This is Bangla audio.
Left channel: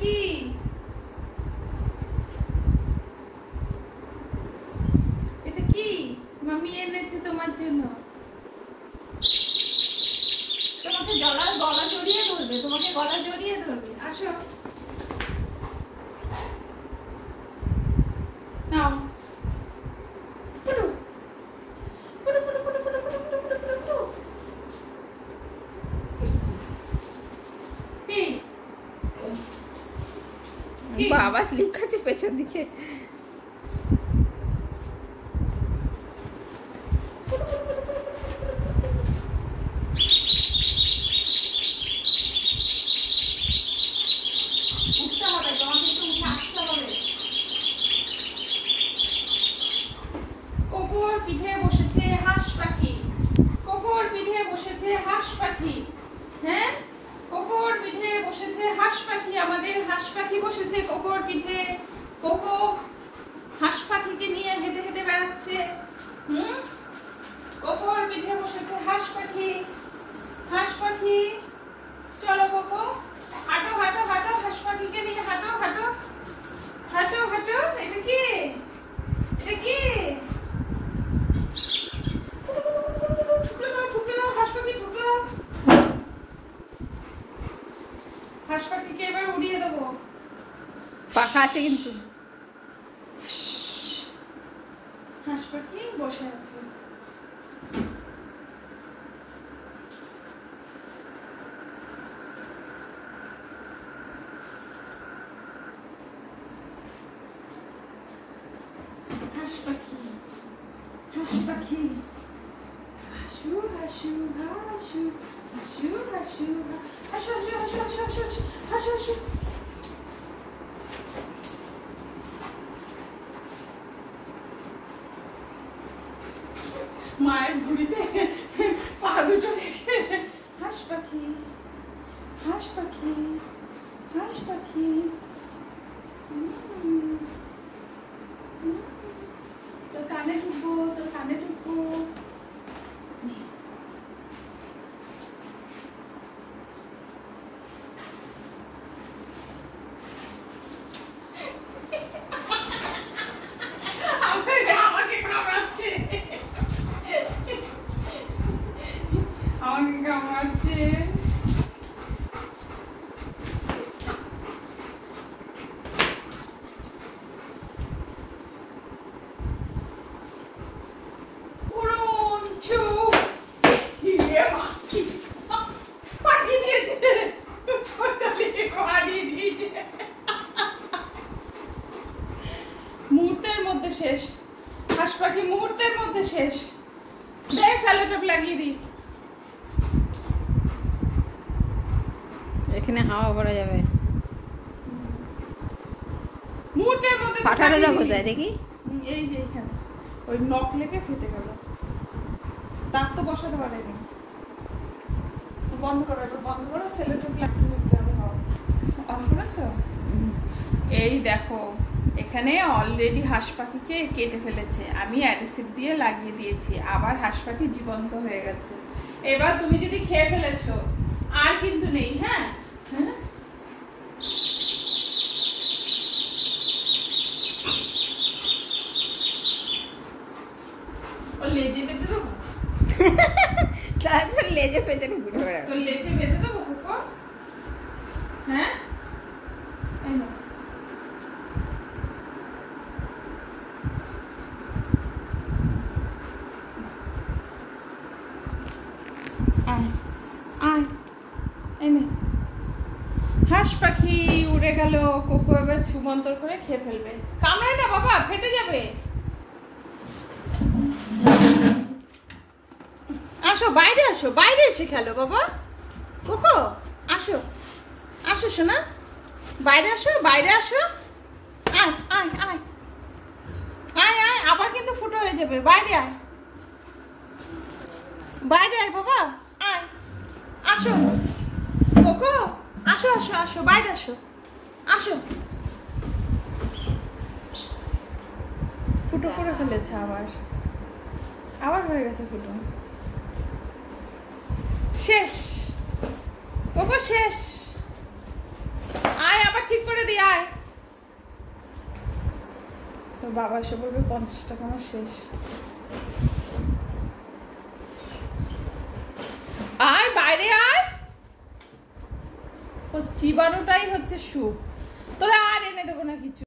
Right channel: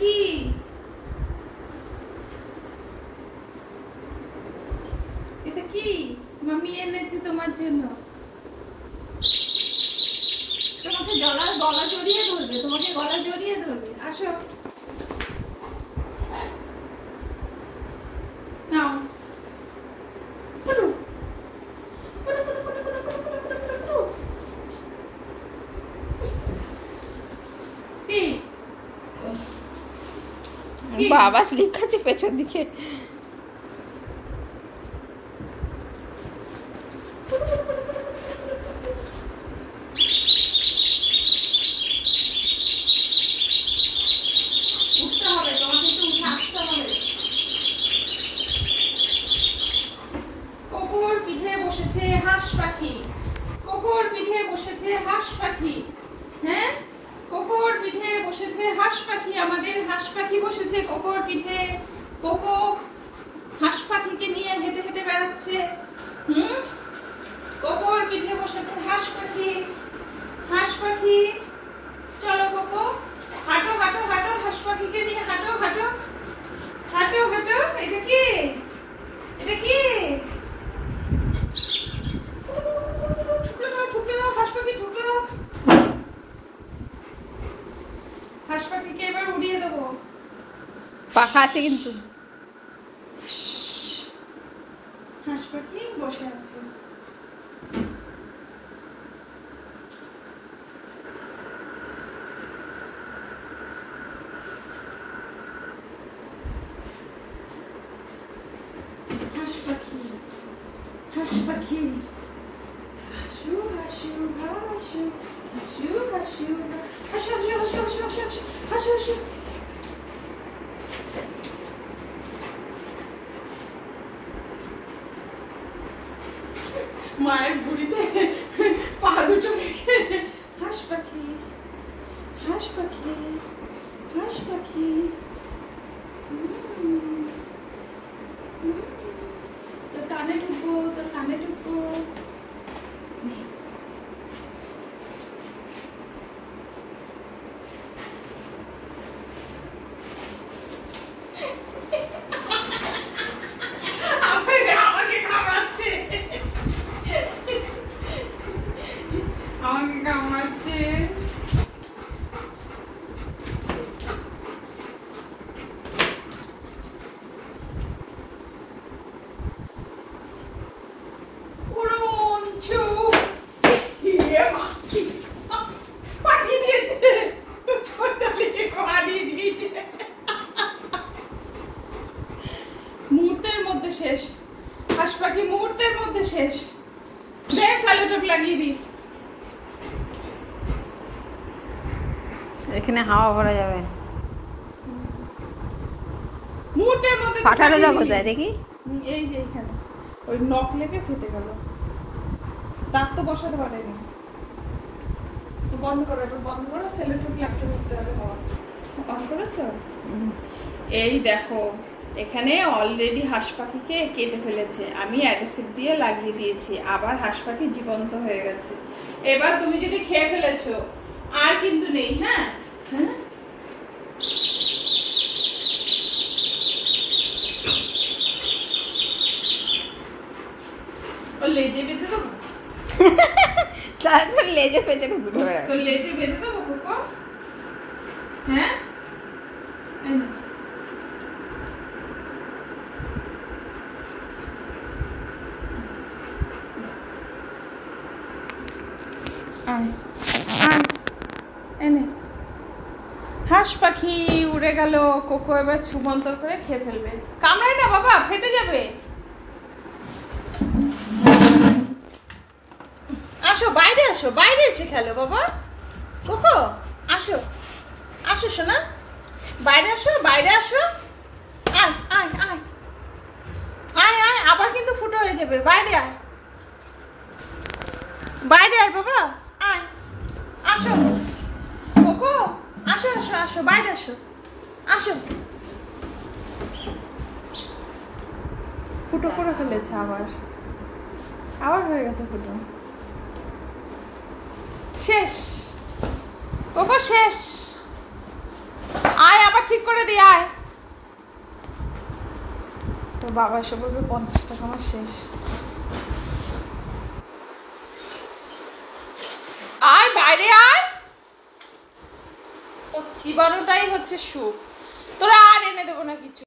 কি? এটা কি মামি এনেছে তোমার জন্য? তোমাকে গলা জড়িয়ে ধরবে, তোমাকে গলা জড়িয়ে ধরবে। আসো নাও। বাবা স্লিপ খাচ্ছে পেছন দিকে। কোকোর পিঠে বসেছে হাঁস পাখি। কোকোর পিঠে বসেছে হাঁস পাখি। হ্যাঁ, কোকোর পিঠে বসেছে হাঁস পাখি। আমাদের হাঁস পাখি বসেছে কোকোর পিঠে। কোকো হাঁস পাখিকে নিয়ে হেঁটে হেঁটে বেড়াচ্ছে। কোকোর পিঠে বসেছে হাঁস পাখি। হাঁস পাখি চলো কোকো, হাঁটো হাঁটো হাঁটো, হাঁস পাখিকে নিয়ে হাঁটো হাঁটো হাঁটো হাঁটো। এটা কি? এটা কি? হাঁস পাখিকে এবার উড়িয়ে দেবো। পাখা আছে কিন্তু। হাঁস পাখি বসে আছে। হাঁস পাখি, হাঁস পাখি, হাসু হাসু হাসু হাসু হাসু হাসু হাসু হাসু হাসু হাসু হাসু হাসু। মায়ের বুড়িতে পা দুটো রেখে হাঁস পাখি, হাঁস পাখি, হাঁস পাখি। তোর কানে ঢুকবো, তোর কানে ঢুকবো। আমাকে কামড়াচ্ছে, আমাকে কামড়াচ্ছে। মুহূর্তের মধ্যে শেষ। হাঁস পাখি মুহূর্তের মধ্যে শেষ। দেখ স্যালোটেপ লাগিয়ে দি। এখানে হাওয়া ভরা যাবে। মুহূর্তের মধ্যে ফাটানো না কোথায় দেখি? এই যে এখানে ওই নখ লেগে ফেটে গেল। দাঁত তো বসাতে পারেনি। বন্ধ করো, এবার বন্ধ করো। স্যালোটেপ লাগিয়ে দিতে হবে। অন করেছো? এই দেখো এখানে অলরেডি হাঁস পাখিকে কেটে ফেলেছে। আমি অ্যাডহেসিভ দিয়ে লাগিয়ে দিয়েছি। আবার হাঁস পাখি জীবন্ত হয়ে গেছে। এবার তুমি যদি খেয়ে ফেলেছো আর কিন্তু নেই। হ্যাঁ হ্যাঁ, ও লেজে বেঁধে দেবো। তারপর লেজে পেছনে ঘুরে বেড়াবে। তো লেজে বেঁধে দেবো কোকো। হ্যাঁ, এই না আয় আয়, এনে। হাঁস পাখি উড়ে গেল। কোকো এবার ছুমন্তর করে খেয়ে ফেলবে। কামড়ায় না বাবা, ফেটে যাবে। আসো বাইরে, আসো বাইরে এসে খেলো বাবা। কোকো আসো, আসো শোনা, বাইরে আসো, বাইরে আসো। আয় আয় আয় আয় আয়, আবার কিন্তু ফুটো হয়ে যাবে। বাইরে আয়, বাইরে আয় বাবা, আয় আসো। কোকো আসো আসো আসো, বাইরে আসো, আসো। ফুটো করে ফেলেছে আবার, আবার হয়ে গেছে ফুটো। শেষ কোকো, শেষ। আয় আবার ঠিক করে দিয়ে আয়। তোর বাবা এসে বলবে 50 টাকা আমার শেষ। আয় বাইরে আয়, ও চিবানোটাই হচ্ছে সুখ। তোরা আর এনে দেবো না কিছু।